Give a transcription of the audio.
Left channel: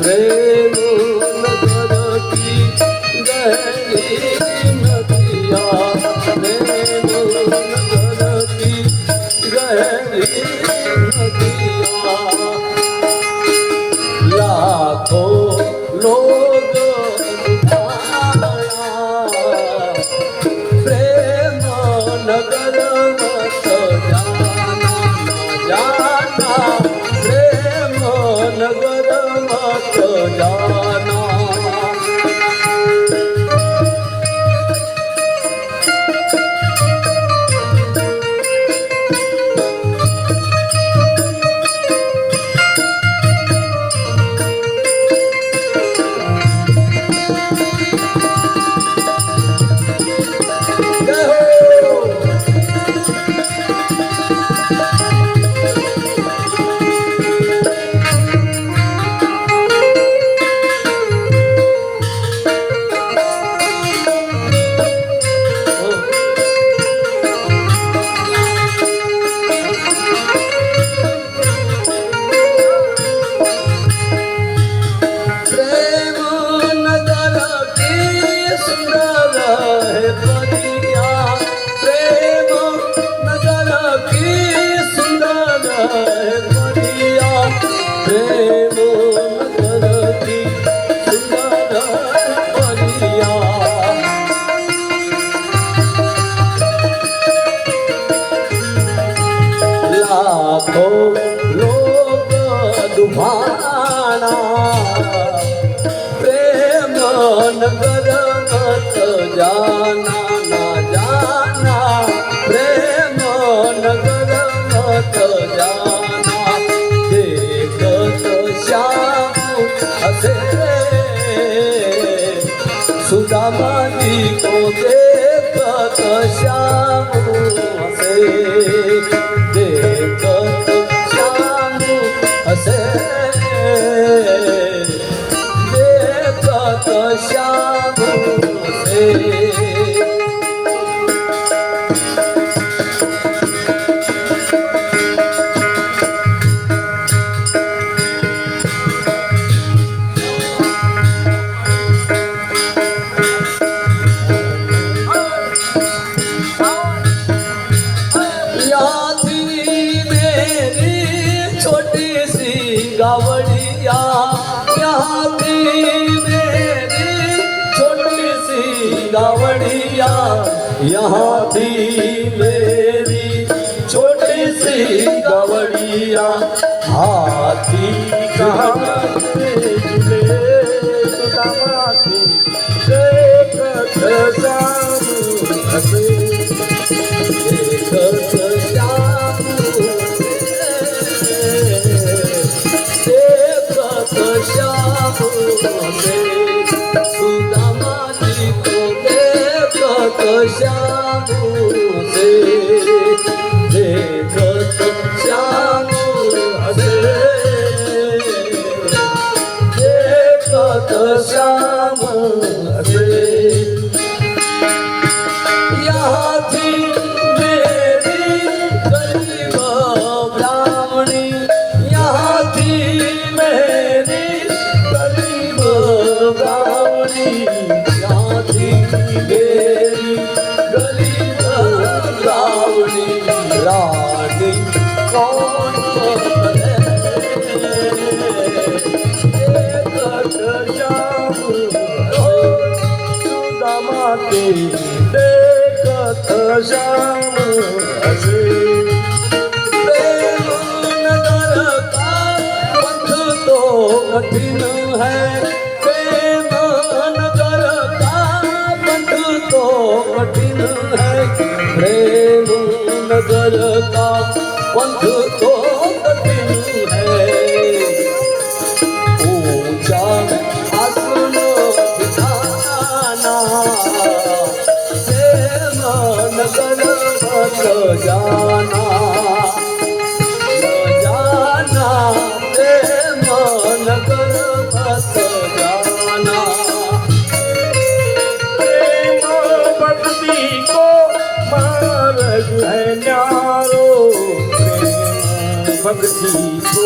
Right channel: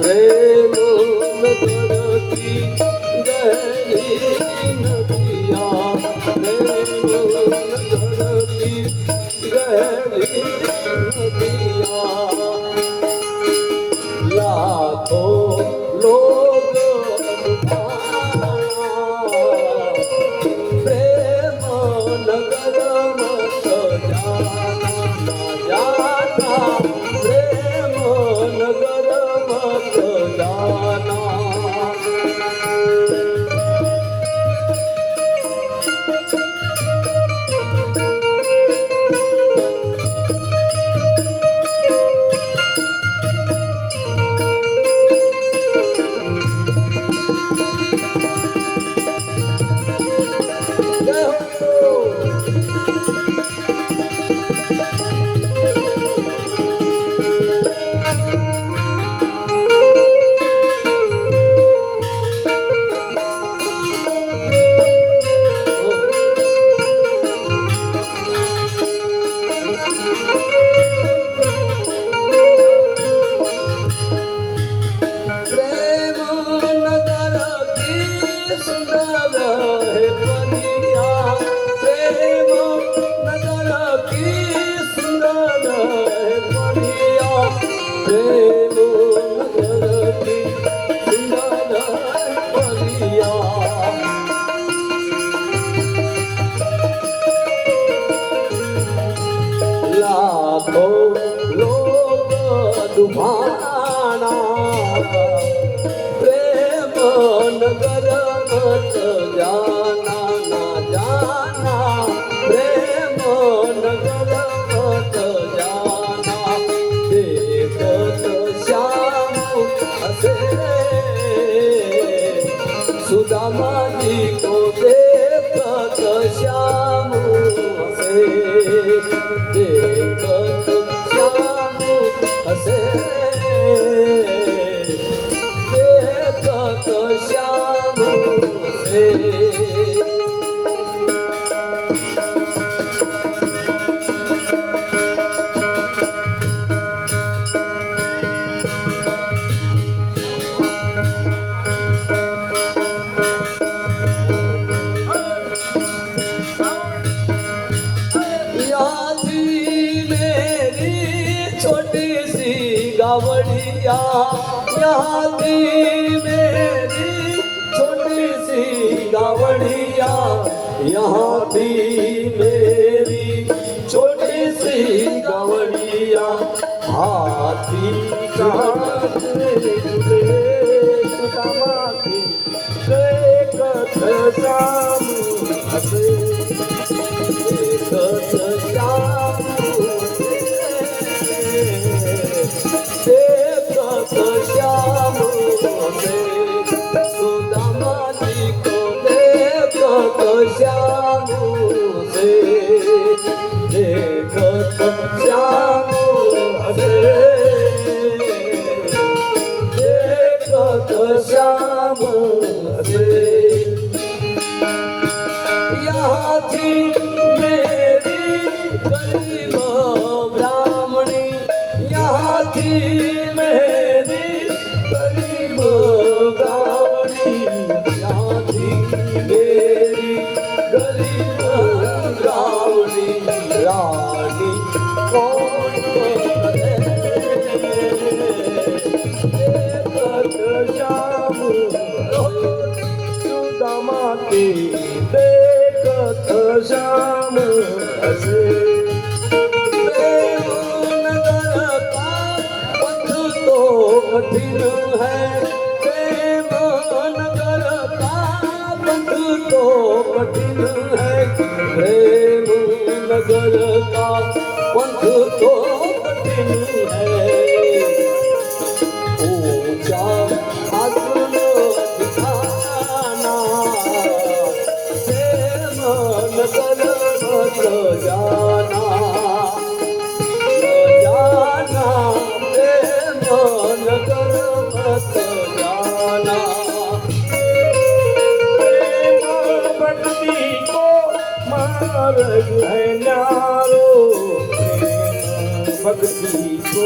प्रेम नगर की गहरी नदिया, प्रेम नगर की गहरी नदिया। लाखों लोग प्रेम नगर मत जाना, जाना प्रेम नगर मत जाना। प्रेम नगर मत जाना, ना जाना प्रेम नगर मत जाना। देखत श्याम हसे सुदामा जी को, देखत श्याम हसे, देखत श्याम हसे, श्याम से। यहाँ थी मेरी छोटी सी गावड़िया, यहाँ थी गावड़िया, यहाँ थी मेरी छोटी सी गावड़िया। हाथी श्याम से, देखत श्याम से, देखत श्याम से। यहाँ थी मेरी गरीब ब्राह्मणी, यहाँ थी मेरी गरीब ब्राह्मणी, यहाँ थी मेरी गरीब ब्राह्मणी। रानी कौन करे, देखत श्याम सुदामा की, देखत श्याम से। प्रेम नगर का पथ तो कठिन है, प्रेम नगर का पथ तो कठिन है, प्रेम नगर का पथ तो कठिन है। ऊंचा आसन बिछाना, प्रेम नगर मत जाना, न जाना प्रेम नगर मत जाना। प्रेम भक्ति को मार्ग है न्यारो, प्रेम भक्ति को